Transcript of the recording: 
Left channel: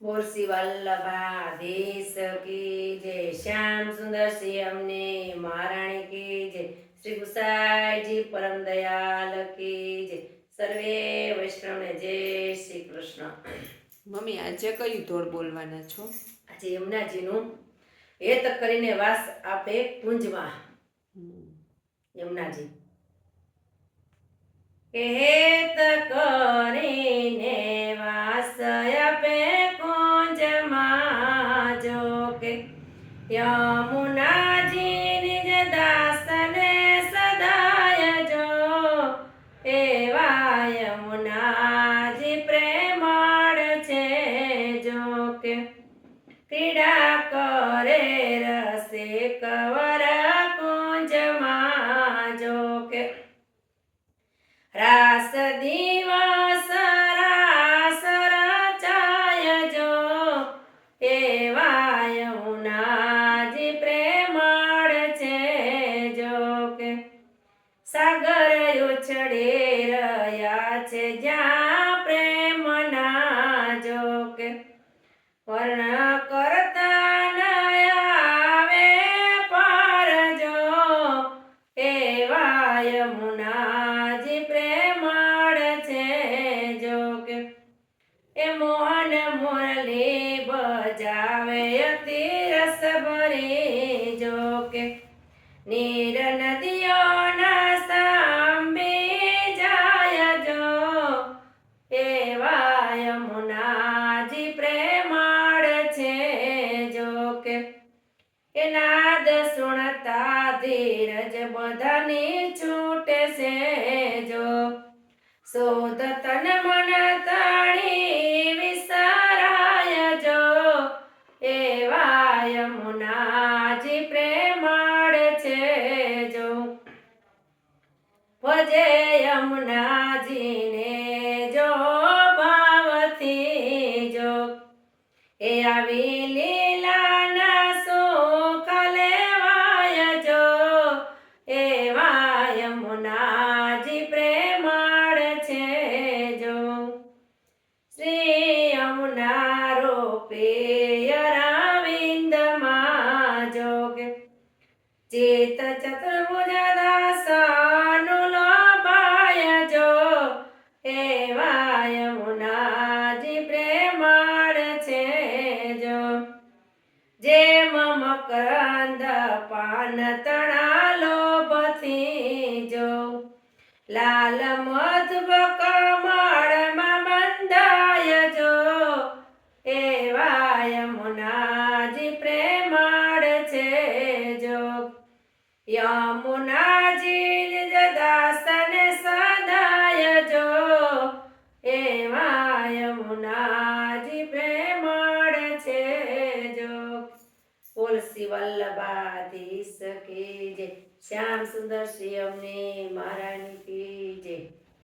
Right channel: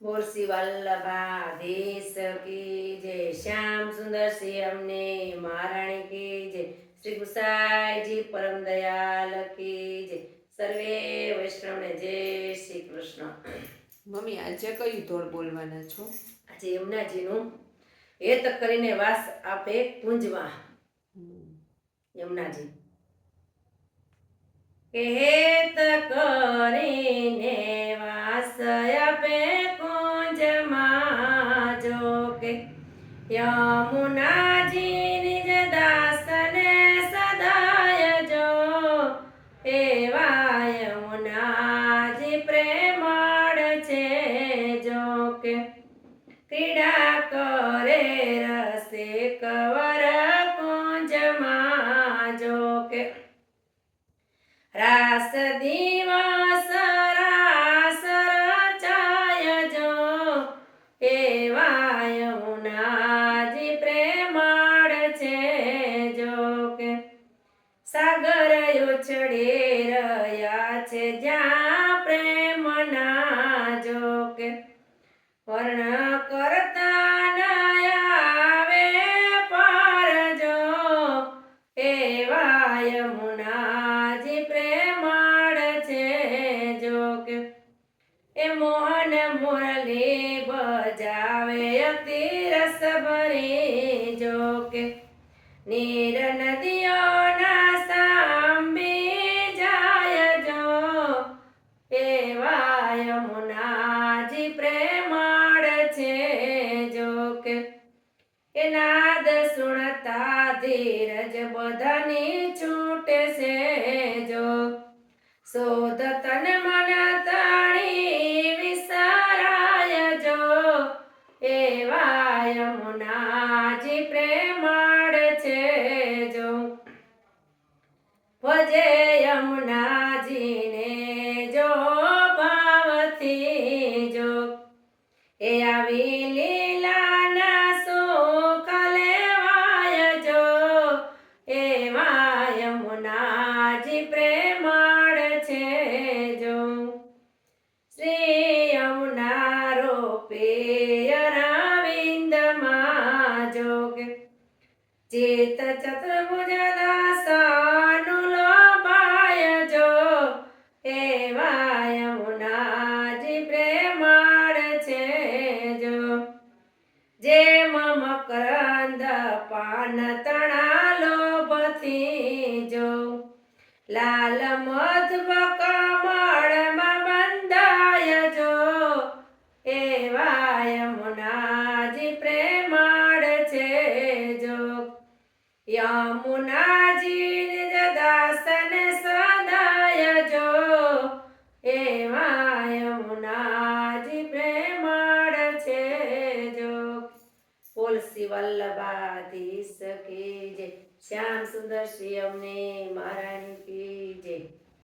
બોલ શ્રી વલ્લભાધીશ કી જય, શ્યામ સુંદર શ્રી અમને મહારાણી કી જય, શ્રી ગુસાઈજી પરમ દયાલ કી જય, સર્વે વૈષ્ણવને જય શ્રી કૃષ્ણ। મમ્મી આજે કયું ધોળ બોલવાના છો? આજે યમુનાજીનું હેત કરીને વાસ આપે કુંજમાં। યમુનાજી કે હેત કરીને વાસ આપે કુંજમાં, જો કે યમુનાજી નિજ દાસને સદાય જો, એવા યમુનાજી પ્રેમાળ છે, જો કે ક્રીડા કરે રસે કવર કુંજમાં, જો કે રાસ દિવસ રાસ રચાય જો, એવા યમુનાજી પ્રેમાળ છે, જો કે સાગર ઉછળે રહ્યા છે જ્યાં પ્રેમના, જો કે વર્ણ કરતા ન આવે પાર, જો એવા યમુનાજી પ્રેમાળ છે, જો કે એ મોહન મુરલી બજાવે અતિ રસ ભરી, જો કે નીર નદીઓના સાંભી જાય, જો એવા યમુનાજી પ્રેમાળ છે, જો કે એ નાદ સુણતા ધીરજ બધાની છૂટે છે, જો શોધ તન મન તાણી વિસરાય, જો એવા યમુનાજી પ્રેમાળ છે, જો ભજે યમુનાજીને જો ભાવથી, જો એ આવી લીલાના સુખ લેવાય, જો એવા યમુનાજી પ્રેમાળ છે, જો શ્રી યમુના રોપે અરવિંદમાં, જો કે ચિત ચતુર્ભુજ દાસનું લોભાય, જો એવા યમુનાજી પ્રેમાળ છે, જો જેમ મકરંદ પાન તણા લોભથી, જો લાલ મધુબ કમળમાં બંધાય, જો એવા યમુનાજી પ્રેમાળ છે, જો યમુનાજી નિજ દાસને સદાય જો, એવા યમુનાજી પ્રેમાળ છે, જો બોલ શ્રી વલ્લભાધીશ કી જય, શ્યામ સુંદર શ્રી અમને મહારાણી કી જય।